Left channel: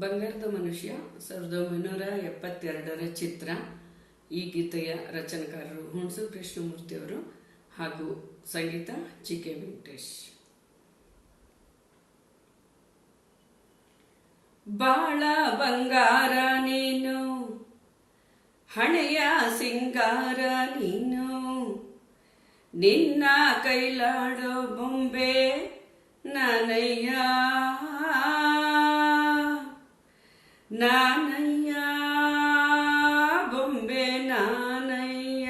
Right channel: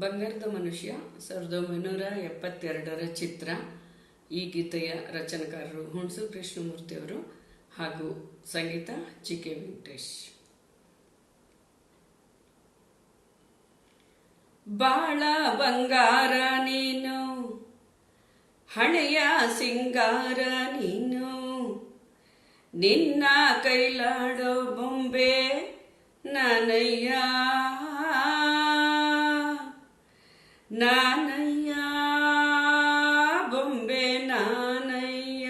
ಬಂಗಾರದ ಮನುಷ್ಯ 1972ರ ಚಿತ್ರ. ಈ ಗೀತೆಯ ರಚನೆಕಾರರು ಹುಣಸು ಕೃಷ್ಣಮೂರ್ತಿಯವರು ಹಾಗೂ ಸಂಗೀತ ಜಿ.ಕೆ. ವೆಂಕಟೇಶ್. ಬಾಳ ಬಂಗಾರ ನೀನು, ಹಣೆಯ ಸಿಂಗಾರ ನೀನು, ನಿನ್ನ ಕೈಲಾಡೋ ಬೊಂಬೆ ನಾನಯ್ಯ ನಾನಯ್ಯ, ಬೊಂಬೆ ನಾನಯ್ಯ.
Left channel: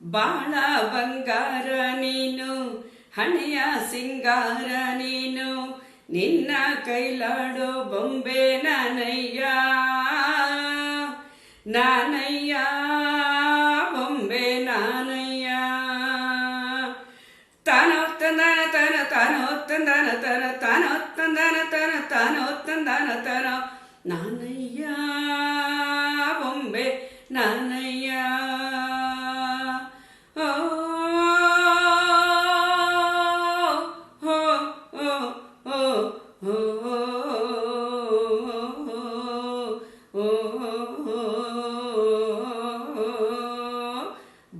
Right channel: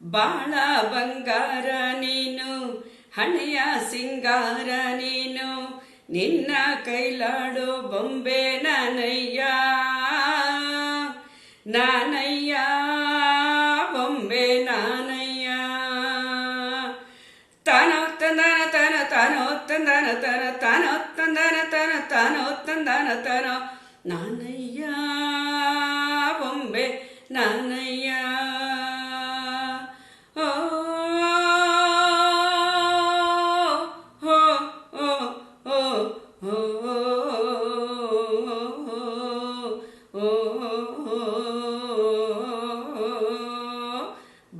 ಬಾಳ ಬಂಗಾರ ನೀನು, ಹಣೆಯ ಸಿಂಗಾರ ನೀನು, ನಿನ್ನ ಕೈಲಾಡೋ ಬೊಂಬೆ ನಾನಯ್ಯ ನಾನಯ್ಯ, ಬೊಂಬೆ ನಾನಯ್ಯ. ತಾನೋ ತಂದನ ತನ, ತಾನೋ ತಂದನ ತನ, ತಾನೋ ತಂದನ ತನ, ತಾನೋ ತಂದನ ತನ, ನಾನಯ್ಯ ಬೊಂಬೆ ನಾನಯ್ಯ. ಓ ಹೋ ಓ ಓ ಓ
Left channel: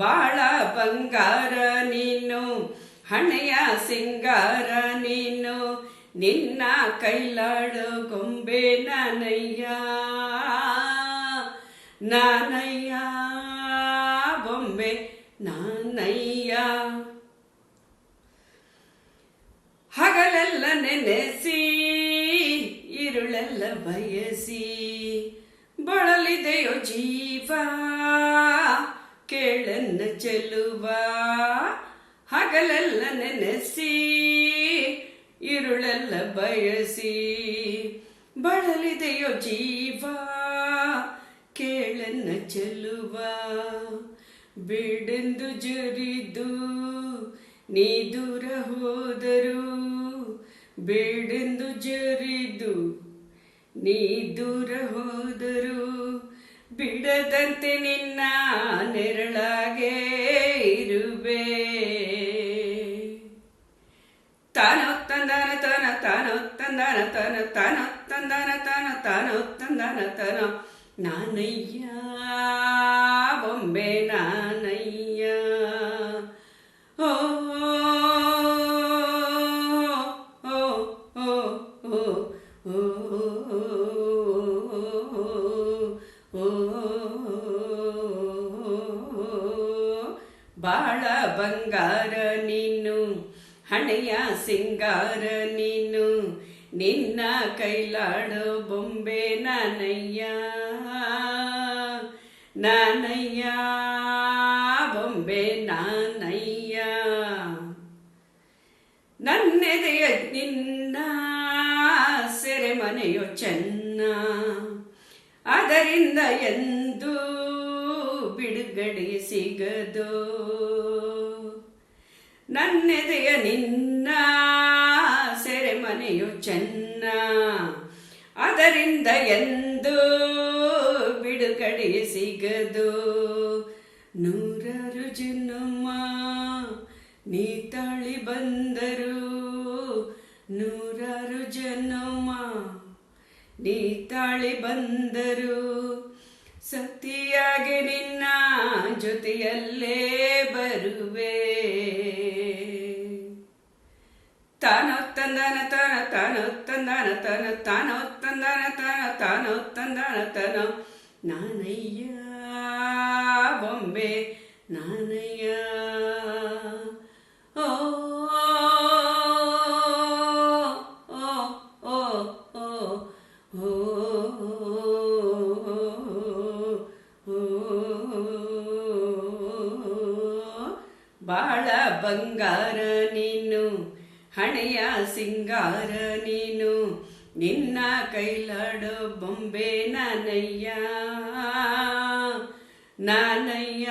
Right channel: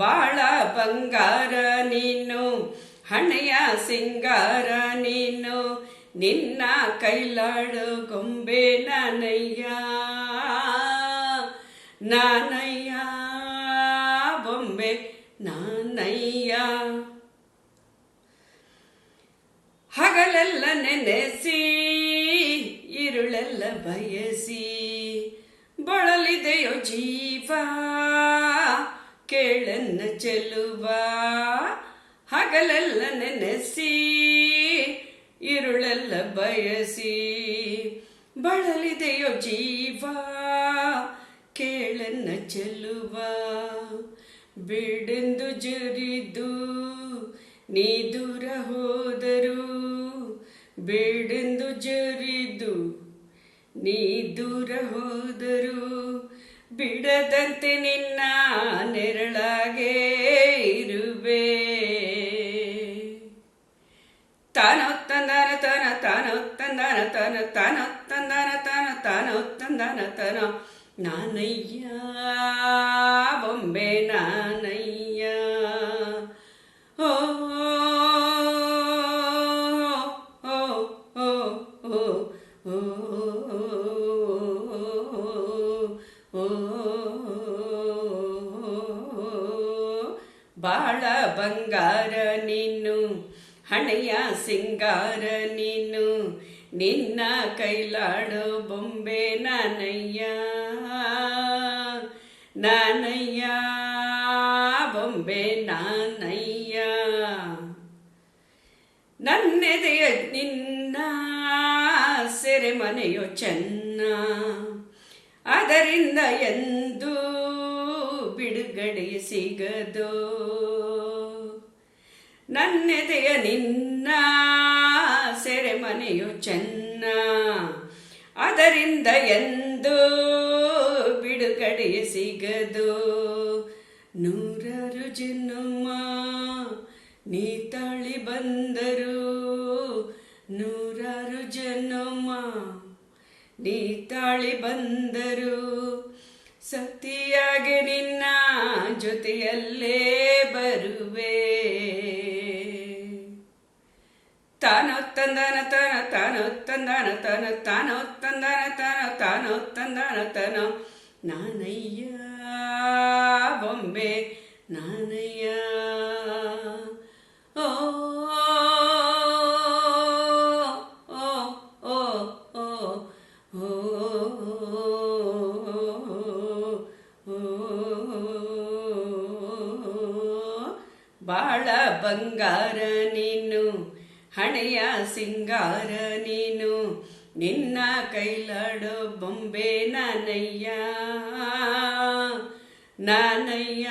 ಬಾಳ ಬಂಗಾರ ನೀನು, ಹಣೆಯ ಸಿಂಗಾರ ನೀನು, ನಿನ್ನ ಕೈಲಾಡು ಗೊಂಬೆ ನಾನಯ್ಯ ನಾನಯ್ಯ, ಬೊಂಬೆ ನಾನಯ್ಯ. ಹಗಲೆಲ್ಲ ನೆನೆಸಿ ಇರುಳೆಲ್ಲ ಬಯಸಿ ಬಳಲಿದೆಯೋ ಜೀವ ಕೇಳನ್ನ ಚೆಲುವ. ಹಗಲೆಲ್ಲ ನೆನೆಸಿ ಇರುಳೆಲ್ಲ ಬಯಸಿ ಬಳಲಿದೆಯೋ ಜೀವ ಕೇಳನ್ನ ಚೆಲುವ. ಬಿಡೆಂದು ಜರಿದು ನೀ ದೂರ ಹೋದರು, ಬೇಡೆಂದು ಜರಿದು ನೀ ದೂರ ಹೋದರು, ಬಿಡದಂತೆ ನಿನ್ನ ನೆರಳಾಗೆ ಇರುವೆ. ತಾನೋ ತಂದನ ತನ, ತಾನೋ ತಂದನ ತನ, ತಾನೋ ತಂದನ ತನ, ತಾನೋ ತಂದನ ತನ, ನಾನಯ್ಯ ಬೊಂಬೆ ನಾನಯ್ಯ. ಓ ಓ ಓ ಓ ಓ ಬಾಳ ಬಂಗಾರ ನೀನು, ಹಣೆಯ ಸಿಂಗಾರ ನೀನು, ನಿನ್ನ ಕೈಲಾಡೋ ಬೊಂಬೆ ನಾನಯ್ಯ ನಾನಯ್ಯ, ಬೊಂಬೆ ನಾನಯ್ಯ. ನನ್ನೆದೆಯ ನಿನ್ನ ಸೆರೆಮನೆಯೋ ಚೆನ್ನ, ಅದರಿಂದ ಎಂದು ಬಿಡುಗಡೆ ಸಿಗದೋ. ನನ್ನೆದೆಯ ನಿನ್ನ ಸೆರೆಮನೆಯು ಚೆನ್ನ, ಅದರಿಂದ ಎಂದು ಬಿಡುಗಡೆ ಸಿಗದು. ನೂರಾರು ಜನ್ಮ ನೀ ತಾಳಿ ಬಂದರು, ನೂರಾರು ಜನ್ಮ ನೀ ತಾಳಿ ಬಂದರು, ಸತಿಯಾಗಿ ನಿನ್ನ ಜೊತೆಯಲ್ಲೇ ಬರುವೆ. ತಾನೋ ತಂದನ ತನ, ತಾನೋ ತಂದನ ತನ, ತಾನೋ ತಂದನ ತನ, ತಾನೋ ತಂದನ ತನ, ನಾನಯ್ಯ ಬೊಂಬೆ ನಾನಯ್ಯ. ಓ ಓ ಓ ಓ ಬಾಳ ಬಂಗಾರ ನೀನು, ಹಣೆಯ ಸಿಂಗಾರ ನೀನು, ನಿನ್ನ ಕೈಲಾಡೋ ಬೊಂಬೆ ನಾನಯ್ಯ ನಾನಯ್ಯ,